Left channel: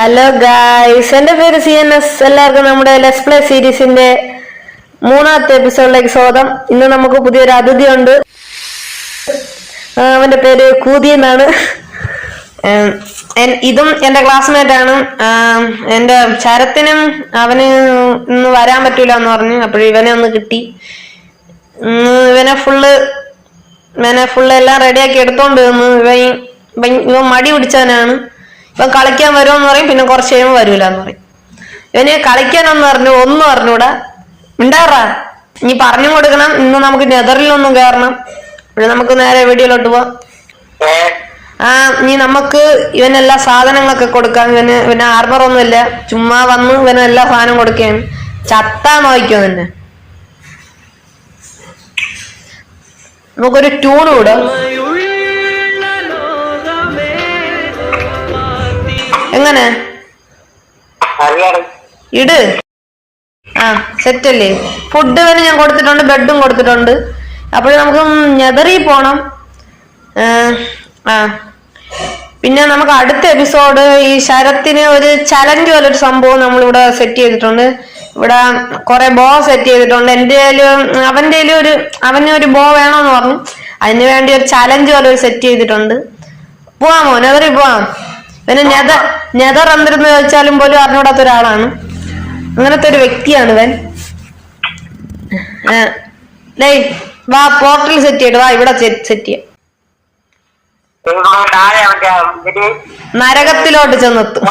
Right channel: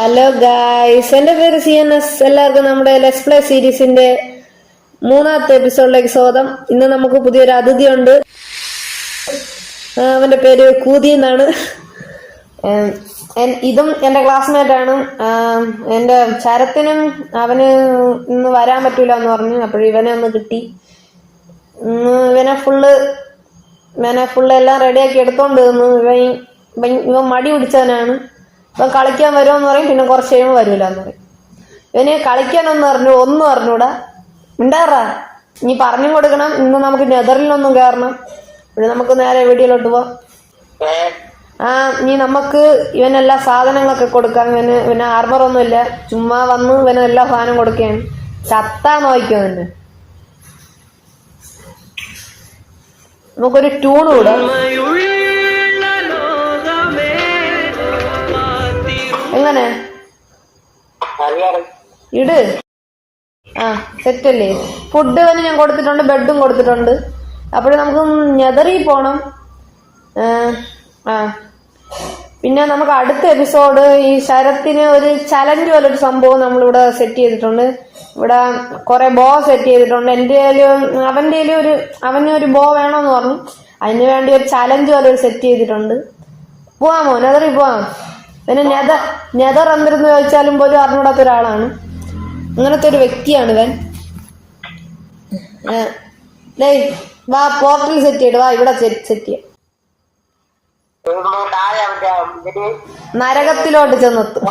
Hello guys, എന്റെ പേര് CNS. എല്ലാവർക്കും നമ്മുടെ ലെറ്റ്സ് പ്ലേ സീരീസിന്റെ 3ാമത്തെ എപ്പിസോഡിലേക്ക് സ്വാഗതം. ഇന്ന് നമുക്ക് പുതിയൊരു അതിഥി ഉണ്ട്. അവന്റെ പേര് കൂതി എന്നാണ്. ഇതും എന്റെ ക്ലാസ്മേറ്റ് ആണ്. എന്റെ ശരത്തിനും അവന് ഇന്ന് വരാൻ പറ്റൂല എന്ന് പറഞ്ഞു. അപ്പോൾ ഇവനെ ഒന്ന് കിട്ടി. ഇവനെ ഫുള്ള് എല്ലാം റെഡിയാക്കി എടുത്തോണ്ട് വന്നു. ഇവൻ മടി പിടിച്ചവനാണ്. ഇവൻ കളിക്കാൻ വരുമെന്ന് പറയും, പിന്നെ കുറച്ച് കഴിയുമ്പോൾ വരൂല എന്ന് പറയും. ഇവന് കളിക്കാനൊന്നും ഒന്നും അറിഞ്ഞൂടാ. ഉണ്ടാറാ നീ പറഞ്ഞും കൊടുക്കണം. ഇന്ന് നമുക്ക് നെതറിലൊന്നും കയറണം. പിന്നെ നമുക്ക് നേരെ വീഡിയോയിലോട്ട് പോവാം. നീ നമുക്ക് ഇവനെല്ലാ സാധനങ്ങളൊക്കെ കൊടുക്കാം. ഇവന് ആർമറൊന്നും ഇല്ല, ചുമ്മാ വന്ന് ഇവന് എല്ലാ സാധനം കൊടുക്കുകയാണ്. ചത്താ നോക്കിക്കോ നിന്നെ. നമുക്കൊരു ട്യൂൺ കൂടെ. എങ്ങനെ ഇട്. സെറ്റല്ലേ? ഫുഡ് വരെ ഞാൻ കൊടുത്തിട്ടുണ്ട്, ബെഡും കൊടുത്തിട്ടുണ്ട്. അപ്പോൾ നമുക്ക് നെതറി പോണം. പിന്നെ നമുക്ക് അടുത്ത എപ്പിസോഡ് ഈ ശരത്തിന് ഒരു ചലഞ്ച് പോലെ ഒരു സംഭവം നമ്മളിവിടെ സെറ്റ് ചെയ്തിട്ടുണ്ട്. ഇവിടെ കുറെ ബോ സെറ്റ് ചെയ്തിട്ടുണ്ട്. അവന് ഒരു ബോ വേണമെന്ന് പറഞ്ഞു. അതിന് വേണ്ടി ഒരു ചലഞ്ച് പോലെ ഒരു സെറ്റ് ചെയ്തിട്ടുണ്ട്. പോവാമോ? നെതറി പോവാം. പിന്നെ നെതർ എന്തിരുന്ന് ചോദിച്ചാലും പോലും അറിഞ്ഞൂടാത്ത ഒരാളാണ്. അങ്ങനത്തെ ഒരു വ്യക്തിയാണ് ഇവൻ. വാ, പോർട്ടൽ സെറ്റ് ചെയ്ത് വാ. ഇവിടെ സെറ്റ് ചെയ്യാം. നരകത്തിലോട്ട് ചെന്നെത്തും.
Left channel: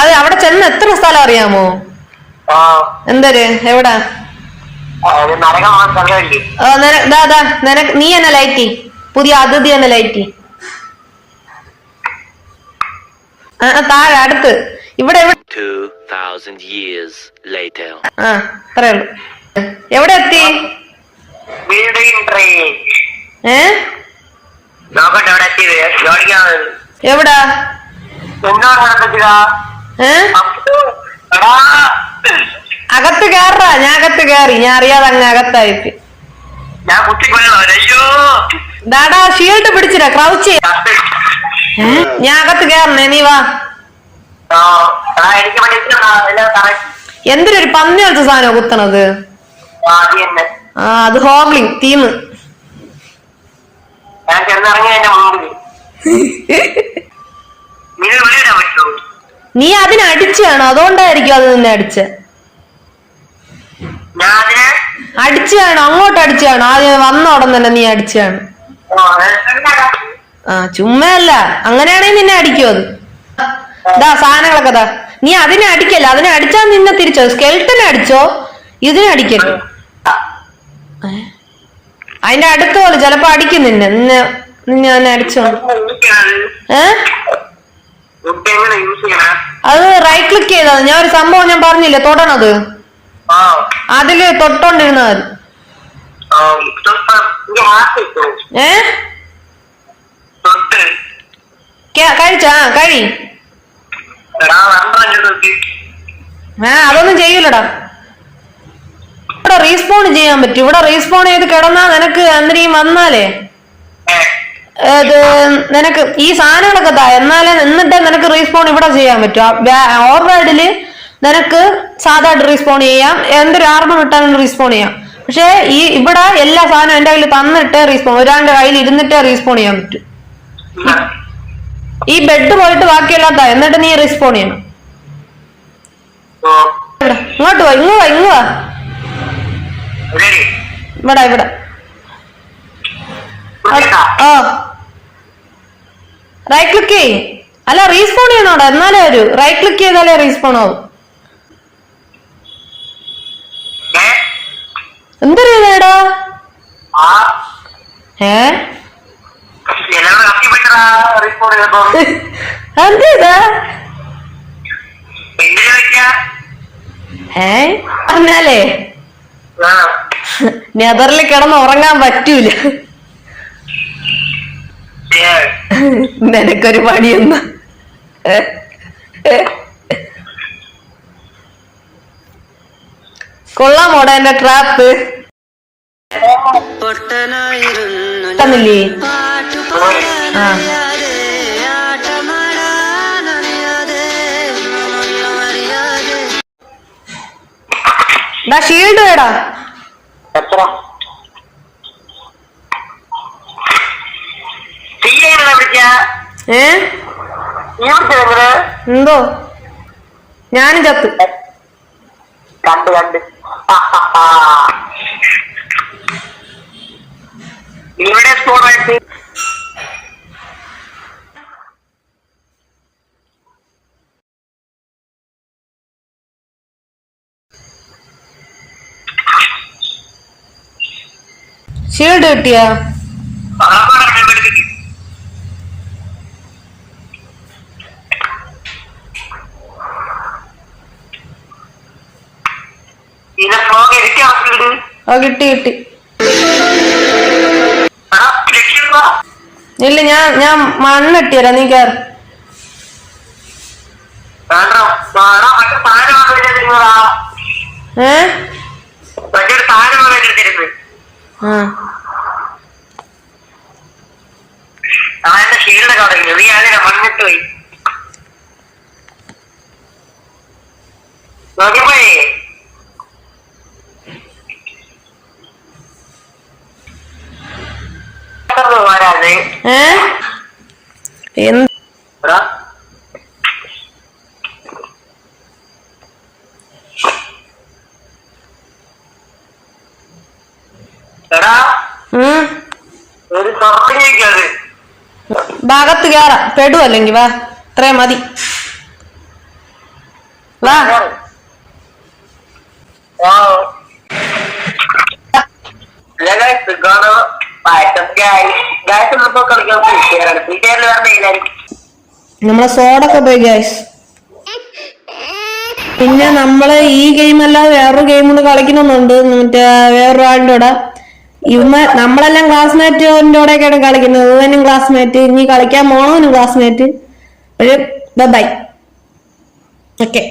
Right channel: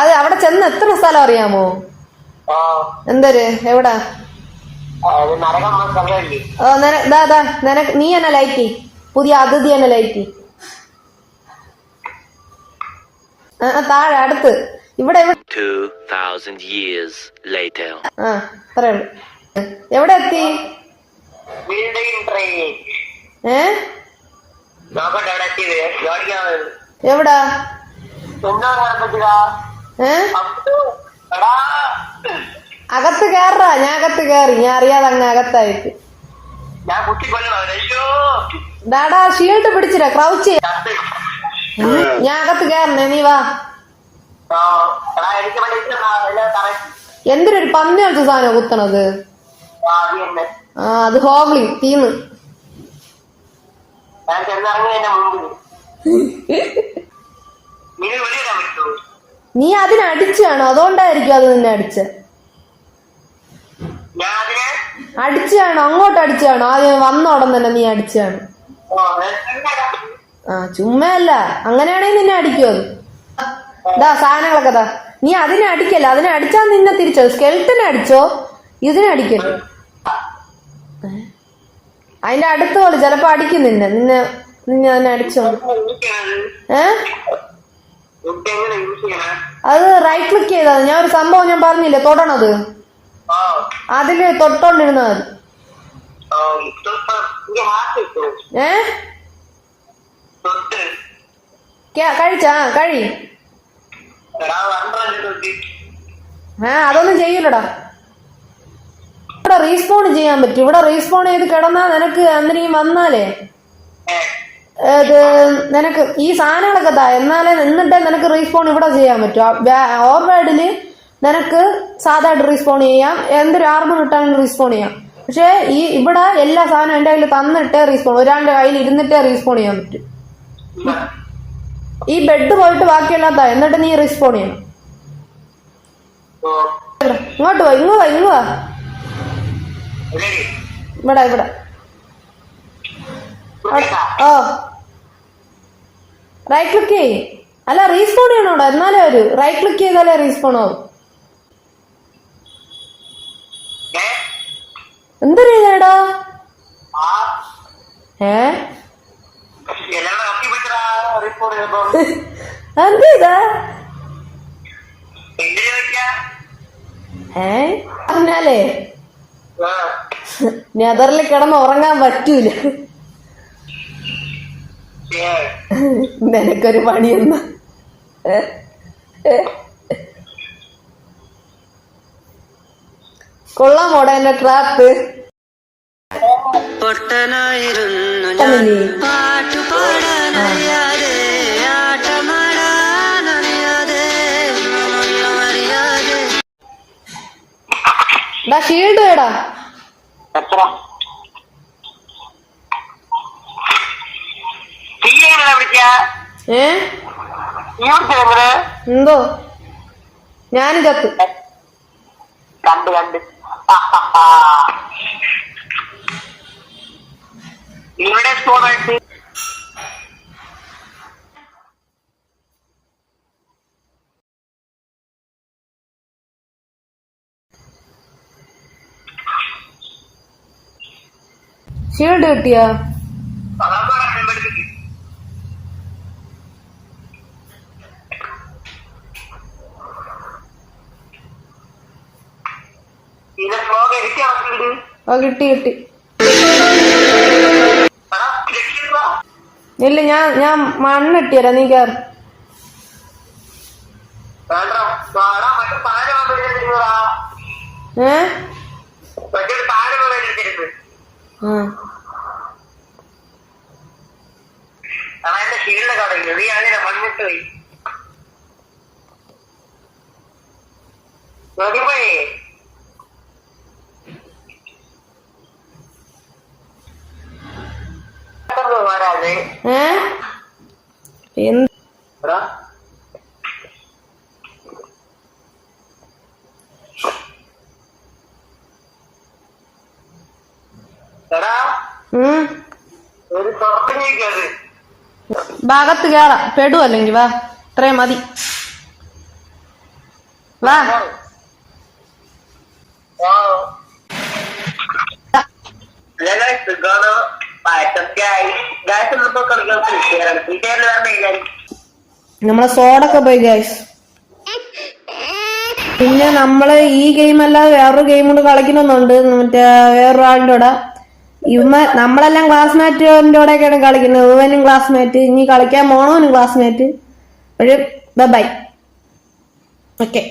അത് അവിടെ ചെന്ന് എത്ര സ്ഥലം അറിയാമോ? എന്തൊരു എവിടാ? നീ എന്നെ ലൈറ്റി, പുതിയ അതിഥി എന്നെ ലൈറ്റി. താഴെ അടുത്ത് ഇവിടെ 2000 years later. അത്രേ ഉള്ളു. എവിടെ എത്തി? എവിടാ? അകത്ത് കയറാ. ഞാൻ അകത്ത് കയറി. ഞാൻ അറിയാതെ അങ്ങ് അകത്തായിപ്പി. ദാടാ ഷീൽഡ് പിടിച്ചില്ല, ക്രൗച്ച്. ഞാൻ അകത്ത് കയറണേ, നീ വാ. എന്തിനൊരു പന്നി വെച്ച സാധനം കുത്തണത്? അത് ഹോഗ്ലിംഗ് തീം. നീ അതിനടിച്ചാണോ? അതുകൊണ്ടായിരിക്കും അത് നിന്നെ അടിച്ചാണോ? അങ്ങോട്ട് അടിച്ചാണോ? ആദ്യം വന്ന ഉടൻ തന്നെ നീ അടിച്ചാണ്. ചുമ്മാ അല്ല, അങ്ങനെയാണെങ്കിൽ നിന്നെ അടിക്കും അത്. സാധനങ്ങളൊക്കെ ദാ. നീ അതിനെ അടിക്കല്ല. അതിനെ അടിച്ചാൽ നിന്നെ തിരിച്ചോ. സ്കെൽട്ടനെ അടിച്ചോ, ഇതിനെ അടിക്കല്ലോ. അതിന്റെ അടുത്ത് പോലെ ചിലപ്പോ അടിക്കും നിന്നെ അടിച്ചോ. അത് റൈറ്റ് ക്ലിക്ക് ചെയ്തത്. ഞാൻ ഒരു സംഭവം ഞാൻ പറഞ്ഞില്ലേ, തൊടണത്. അതില് തൊട്ടോണ്ടിരുന്നാൽ കഴിച്ചാ കഴി. അതൊന്നും ചെയ്യൂലടാ. ഇവിടെ റീസ്പോൺ ചെയ്യാൻ പറ്റും. ഇവിടെ റീസ്പോൺ ചെയ്ത് കിടന്നാ നിനക്ക് അന്നേരം വന്നാലേ നിനക്ക് ഈ സാധനങ്ങളൊക്കെ എന്നാലേ എന്നിട്ടേ നിനക്ക് റീസ്പോൺ ഇവിടെ ചെയ്യാൻ പറ്റും. ഓവർവേഡില് നിനക്ക് സാധാരണ റീസ്പോൺ ചെയ്യാം. എന്തൊരു ആർമർ ഇട്ടാലും റീസ്പോൺ ചെയ്യാം. പക്ഷെ ഇവിടെ എല്ലാ സാധനവും എന്റെ കയ്യിൽ തന്നിട്ടേ റീസ്പോൺ, ഒരാളുടെ കയ്യിൽ ഇരുന്നിട്ടേ റീസ്പോൺ ചെയ്യാൻ പറ്റും. ഈ ബെഡ് പോയിട്ട് ബാക്കിയല്ലാത്ത എന്നിട്ട് നീ റീസ്പോൺ ചെയ്യണം. ഇങ്ങോട്ട് വാ, ഇങ്ങ് വാ. ഇവിടെ റൈറ്റ് ക്ലിക്ക് ചെയ്യ്. അല്ല, റീസ്പോൺ ചെയ്യണോടാ. എന്നാലേ വരൂ. റൈറ്റ് ക്ലിക്ക് ചെയ്താലേ റീസ്പോൺ ആവും. എന്തറിയാടാ? പറഞ്ഞാലേ നെതറിൽ കിടന്ന് ഉറങ്ങാൻ പറ്റൂല. നിനക്കൊരു പണിയൊന്ന കൊള്ളാമോടാ എന്റെ ട്രാപ്പ്. പൊട്ടനായിരുന്നു ഷീൽഡ് വേടാ. എത്ര എന്തോ ഞാനും ചത്ത്. കണ്ട് ഇവിടെ സ്കോറായിട്ട് ഷീൽഡ് കിട്ടിയാ? കിട്ടി. ഇല്ല ഞാൻ മണ്ണിട്ടിയരാ, നീ കേറ്. മണ്ണിട്ട് പോയി ഒരു ഭാഗത്ത് കേറാം, പെടുവല്ലെങ്കി വാ, ഇത്രയും മതി, വാ. നമ്മളെ സോഡൊക്കെ പോയി ഗൈസ്. പിന്നെ നമ്മള് ഈ ഗെയിം അല്ലാതെ വേറൊരു ഗെയിം കൂടെ കളിക്കണമെന്നുണ്ട്, മറ്റേ വേറൊരാളിന്റെ കൂടെ. നമ്മളെല്ലാം ക്ലാസ്മേറ്റിന്റെ കൂടെയൊക്കെയാണ് കളിക്കുന്നത്. ഓനും ക്ലാസ്മേറ്റ്, ഇനി കളിക്കാൻ പോണോനും ക്ലാസ്മേറ്റ്. ബൈ. ഓക്കെ.